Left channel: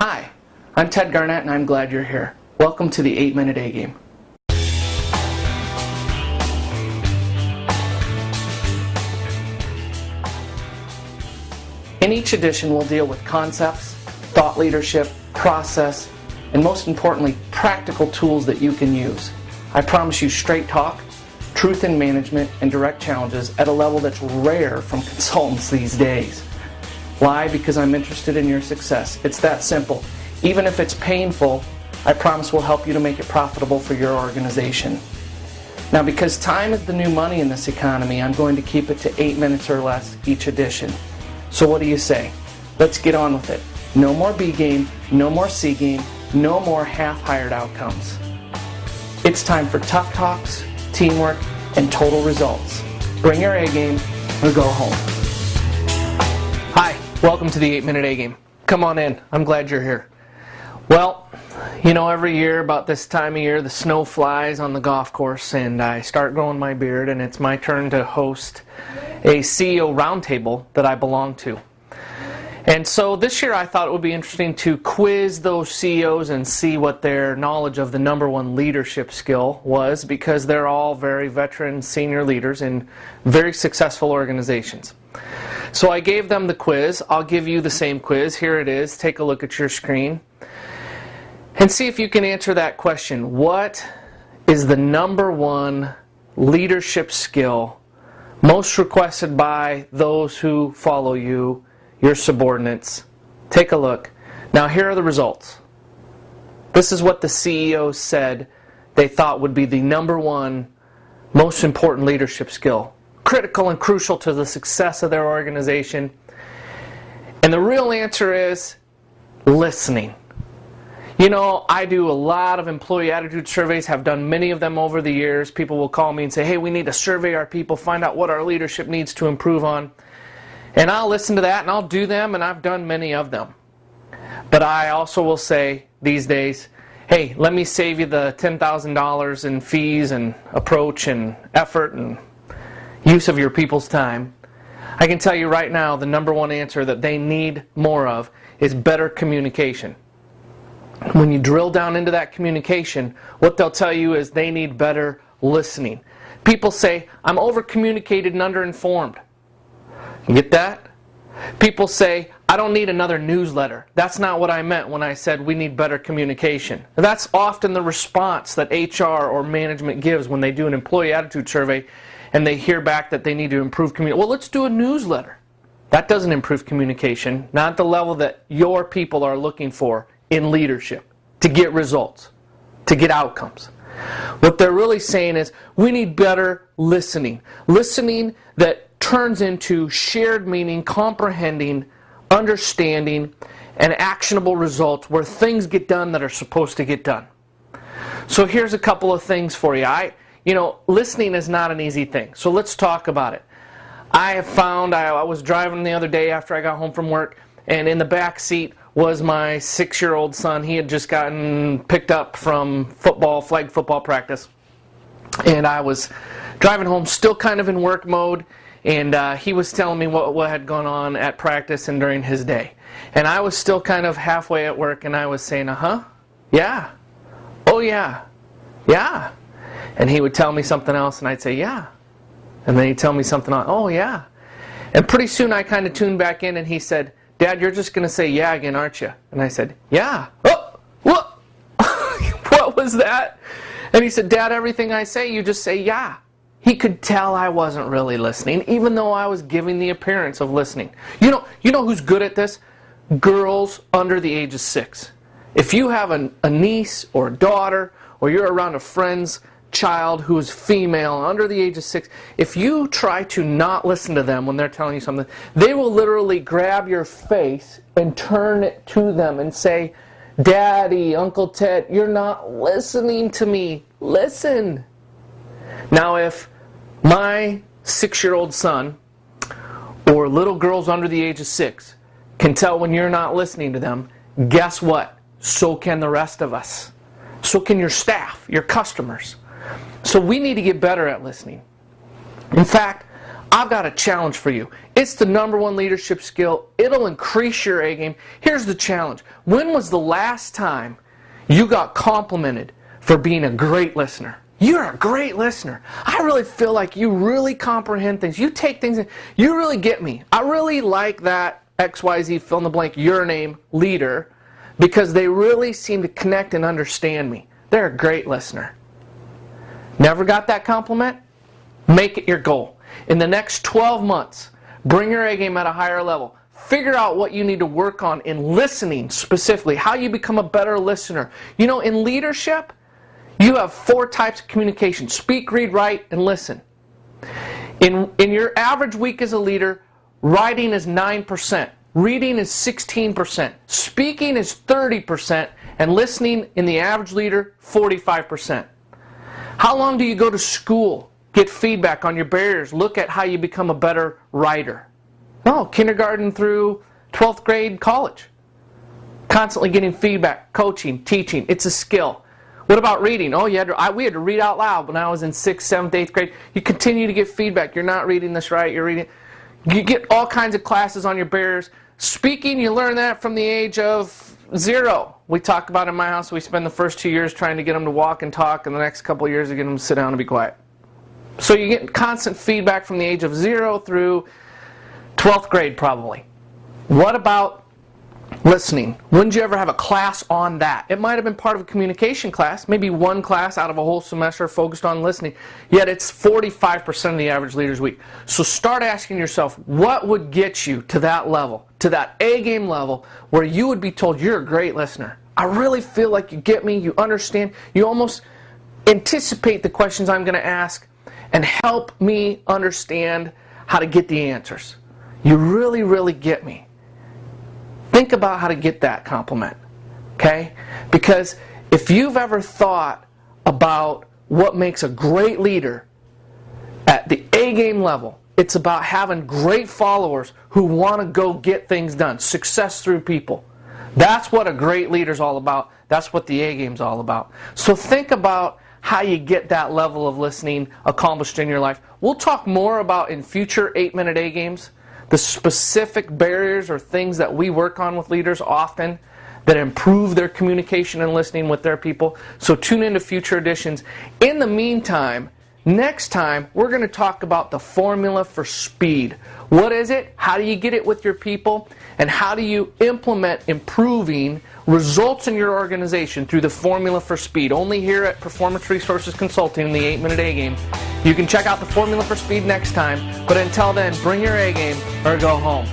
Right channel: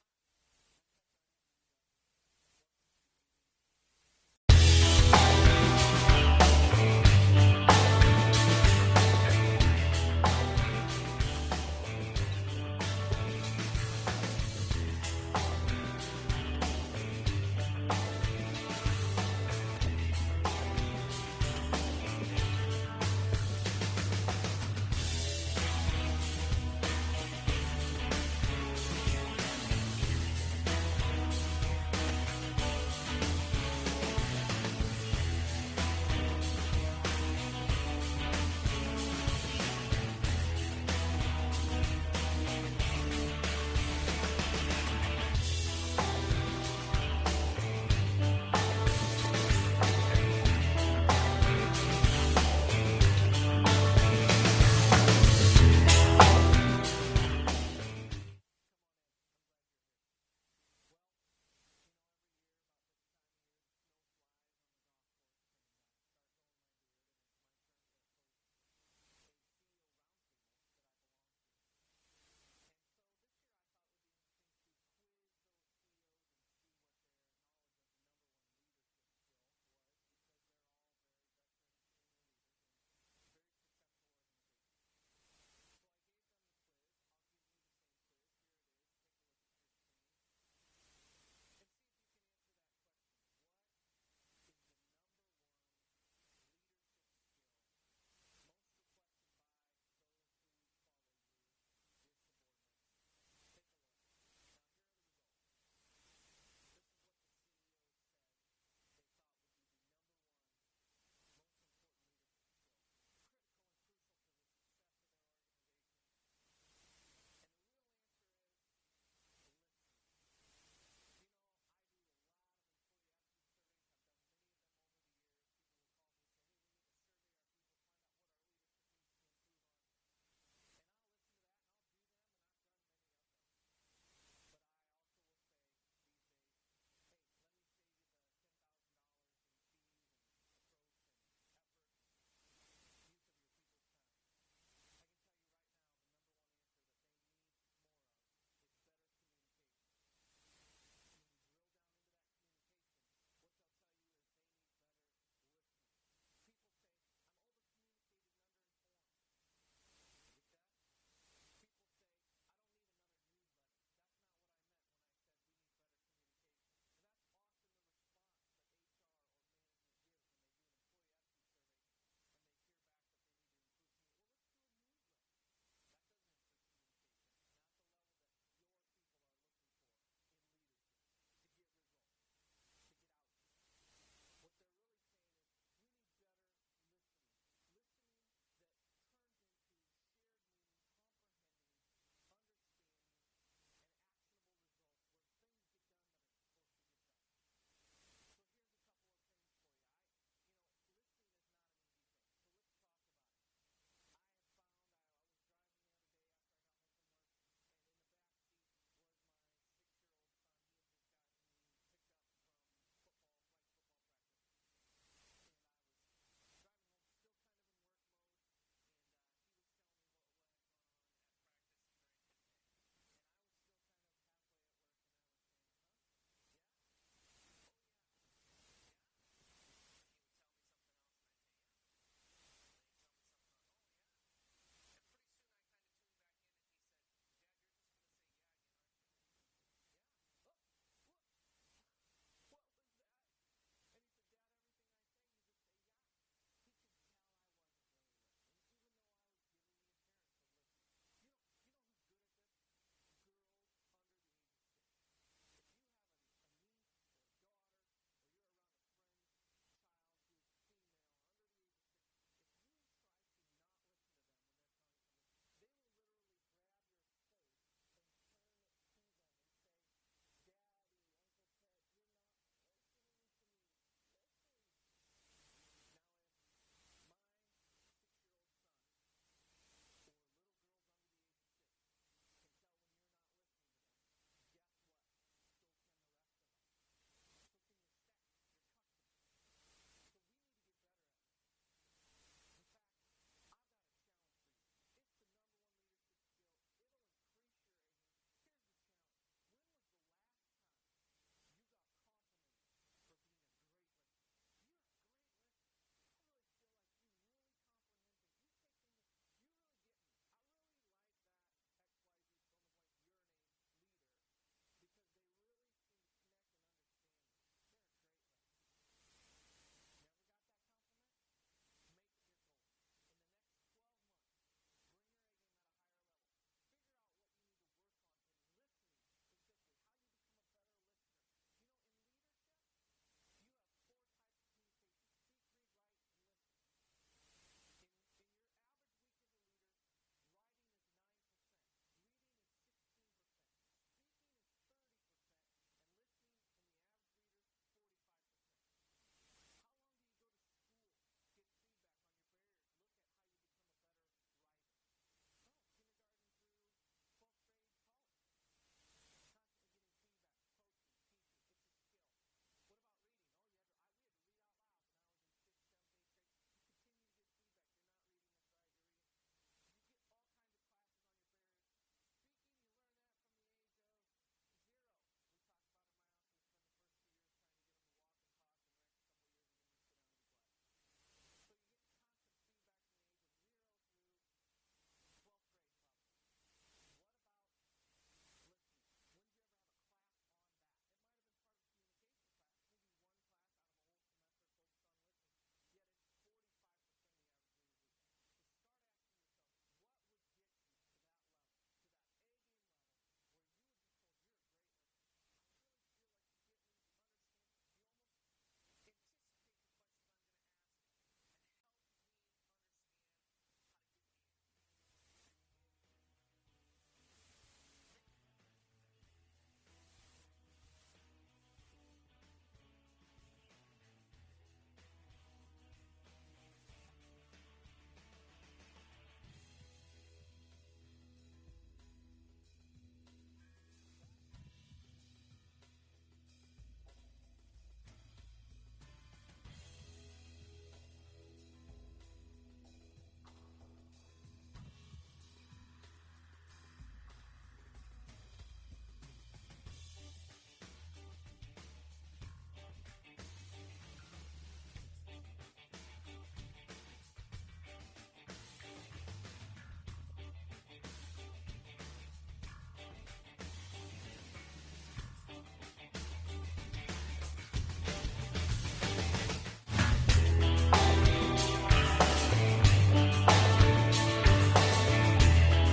Hi, I'm Ted Garnett and I'm glad you're here. Welcome to the 8-Minute A-Game. In each edition, we'll deal with concepts, thought leadership, process, and most importantly, practical tools that you can use. I promise you straight talk, truth in management, and direct challenges at a level that's rare from consultants these days. Why? Because I'm interested in your success. It's that simple. Even if it's painful, I promise we'll help you to make it profitable for your organization. Now, because time is the new money in this economy, I'm going to keep it to 8 minutes or less each edition. So what do you say? Let's get on with it. No more B game, no more C game, no more half-hired outcomes. It's time for tough talks, teamwork, and total results. Bring your A game or go home. Hi, welcome to the 8-Minute A-Game. Come on in, I'm glad you're here. Well, you know, every year about this time of year the snow flies on the golf course and I start growing my beard and it's my turn to host a CEO roundtable that I belong to. And so this year I thought it would be interesting to quiz those CEOs and see what their knowledge of the number one leadership skill was, because they're all very veteran senior leaders in very successful organizations. So I gave them the quiz. I'll give you the same quiz. Here it is. Take a look at your screen and see if you can answer that question. What is the number one leadership skill most requested by those who follow you, your subordinates? Take a look. Now here are the results. This is what the CEOs said they thought would be the number one most important leadership skill. Critical and crucial to the success of their organization. And the real answer is listening. You know, I do a lot of employee attitude surveys, have done many of them over the years. People will call me and say, hey, we need to survey our people, find out what our leadership needs to improve on. And I'll listen to that and I'll do them, and I've done many of them. But I also will say these days, hey, let me save you the $10,000 in fees and approach and effort and use of your people's time. I can tell you right now the number one answer that they need more of is better communication. When you drill down into that communication, what they'll tell you is they need better listening. People say, I'm over-communicated and under-informed. You get that? People say, I don't need another newsletter. That's not what I meant when I said we need better communication. And that's often the response that HR or management gives when they do an employee attitude survey and they hear back that they need to improve communication. Well, let's do a newsletter. That doesn't improve communication, not at the level that your people are looking for in leadership to get results, to get outcomes. What they're really saying is we need better listening. Listening that turns into shared meaning, comprehending, understanding, and actionable results where things get done that are supposed to get done. So here's a couple of things for you. Listening is not an easy thing, so let's talk about it. I have found, I was driving the other day after I got home from work, and in the back seat was my 6-year-old son. He had just gotten picked up from flag football practice. And I was driving home, still kind of in work mode, and he was telling me what had gone on at practice and during his day. And I was still kind of halfway at work, and I was saying, yeah, oh yeah, yeah. And he would tell me something else, and I'd say, yeah. And then he'd tell me something else, oh, yeah. And pretty soon I kind of tuned back in, and he said, Dad, you're just going to say yeah again, aren't you? And I said, yeah. Oh, what? What was that? And he said, Dad, everything I say, you just say yeah. He could tell I wasn't really listening, even though I was giving the appearance of listening. You know who's good at this? Girls under the age of 6. If you have a niece or a daughter, or you're around a friend's child who is female under the age of 6, if you try to not listen to them when they're telling you something, they will literally grab your face and turn it to them and say, Daddy, Uncle Ted, you're not listening to me. Listen. Now, if my 6-year-old son or little girls under the age of 6 can tell when you're not listening to them, guess what? So can the rest of us. So can your staff, your customers. So we need to get better at listening. In fact, I've got a challenge for you. It's the #1 leadership skill. It'll increase your A game. Here's the challenge. When was the last time you got complimented for being a great listener? You're a great listener. I really feel like you really comprehend things. You take things in. You really get me. I really like that XYZ fill in the blank your name leader because they really seem to connect and understand me. They're a great listener. Never got that compliment? Make it your goal. In the next 12 months, bring your A game at a higher level. Figure out what you need to work on in listening specifically, how you become a better listener. You know, in leadership, you have 4 types of communication: speak, read, write, and listen. In your average week as a leader, writing is 9%, reading is 16%, speaking is 30%, and listening in the average leader, 45%. How long do you go to school? Get feedback on your barriers. Look at how you become a better writer. No, kindergarten through 12th grade college. Constantly getting feedback, coaching, teaching. It's a skill. What about reading? Oh, we had to read out loud when I was in 6th, 7th, 8th grade. You continue to get feedback. You're not reading this right. You're reading. You get all kinds of classes on your barriers. Speaking, you learn that from the age of 0. We talk about in my house, we spend the first 2 years trying to get them to walk and talk, and the next couple of years to get them to sit down and be quiet. So you get constant feedback from the age of 0 through 12th grade probably. What about listening? When did you ever have a class on that? It might have been part of a communication class, maybe one class out of a whole semester focused on listening, yet it's 45% of the average leader's week. So start asking yourself, what would get you to that level, to that A game level, where you would be told you're a great listener? I really feel like you get me, you understand, you almost anticipate the questions I'm going to ask and help me understand how to get the answers. You really, really get me. Think about how to get that compliment, okay? Because if you've ever thought about what makes a great leader at the A game level, it's about having great followers who want to go get things done, success through people. That's what a great leader's all about. That's what the A game's all about. So think about how you get that level of listening accomplished in your life. We'll talk more about in future 8-minute A games the specific barriers or things that we work on with leaders often that improve their communication and listening with their people. So tune into future editions. In the meantime, next time we're going to talk about the formula for speed. What is it? How do you get it with your people? And how do you implement improving results in your organization through the formula for speed? Only here at Performance Resources Consulting in the 8-minute A game. You can check out the formula for speed next time, but until then, bring your A game or go home.